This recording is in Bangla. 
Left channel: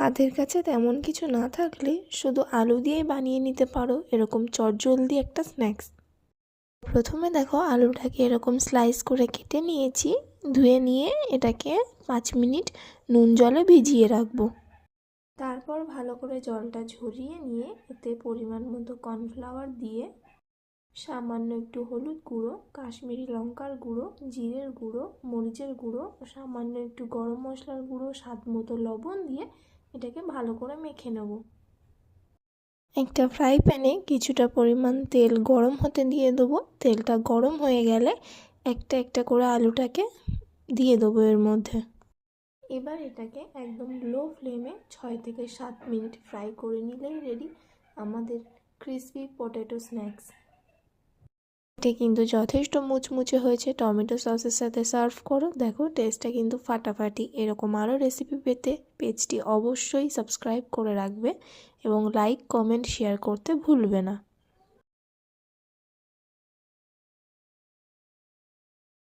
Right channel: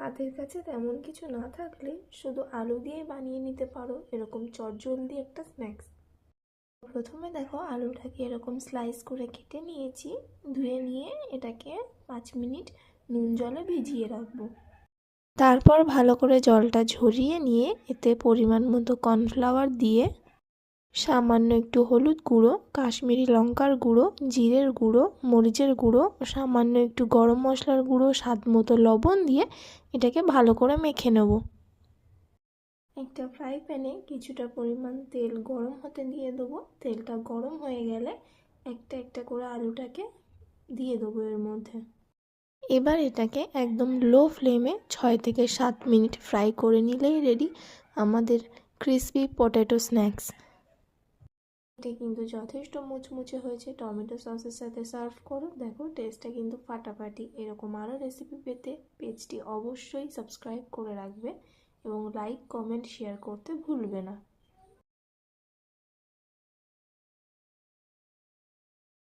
হাতের কাছে তেমন কিছু না থাকলে শুধু আলু দিয়েই বানিয়ে নিতে পারো এরকম চটজলদি একটা স্ন্যাক্স। প্রথমে দেখো আলুটাকে এরকম স্লাইস করে কেটে নিয়েছি। ধুয়ে নিয়ে এটাকে 5 মিনিট নুন জলে ভিজিয়ে রাখবো। তারপর ভালো করে জলটা ঝরিয়ে নিয়ে এতে পরিমাণ মতো কর্নফ্লাওয়ার দিয়ে সামান্য একটু হলুদ গুঁড়ো, কাশ্মীরি লঙ্কার গুঁড়ো, জিরের গুঁড়ো, মরিচের গুঁড়ো, সামান্য একটু গরম মশলার গুঁড়ো, স্বাদ মতো লবণ দিয়ে এটাকে ভালো করে মেখে নেব। একটা ফ্রাই প্যানে কিছুটা পরিমাণ তেল গরম হতে দিয়ে দেবো। তেলটা গরম হয়ে গেলে একটা একটা করে আলুটাকে দিয়ে দেবো এর মধ্যে। এবার এটাকে একদম লো ফ্লেমে 6 থেকে 7 মিনিট ফ্রাই করে নিলেই রেডি আমাদের ক্রিসপি পটেটো স্ন্যাক্স। এটা কিন্তু যথেষ্ট মুচমুচে হয়েছে। টমেটো সসের সাথে সার্ভ করো, দেখো টেস্টটা কিন্তু ফাটাফাটি। এরকম আরও রেসিপি পেতে পেজটি অবশ্যই সাবস্ক্রাইব করে রাখবে এবং লাইক, কমেন্ট, শেয়ার করতে ভুলবে না।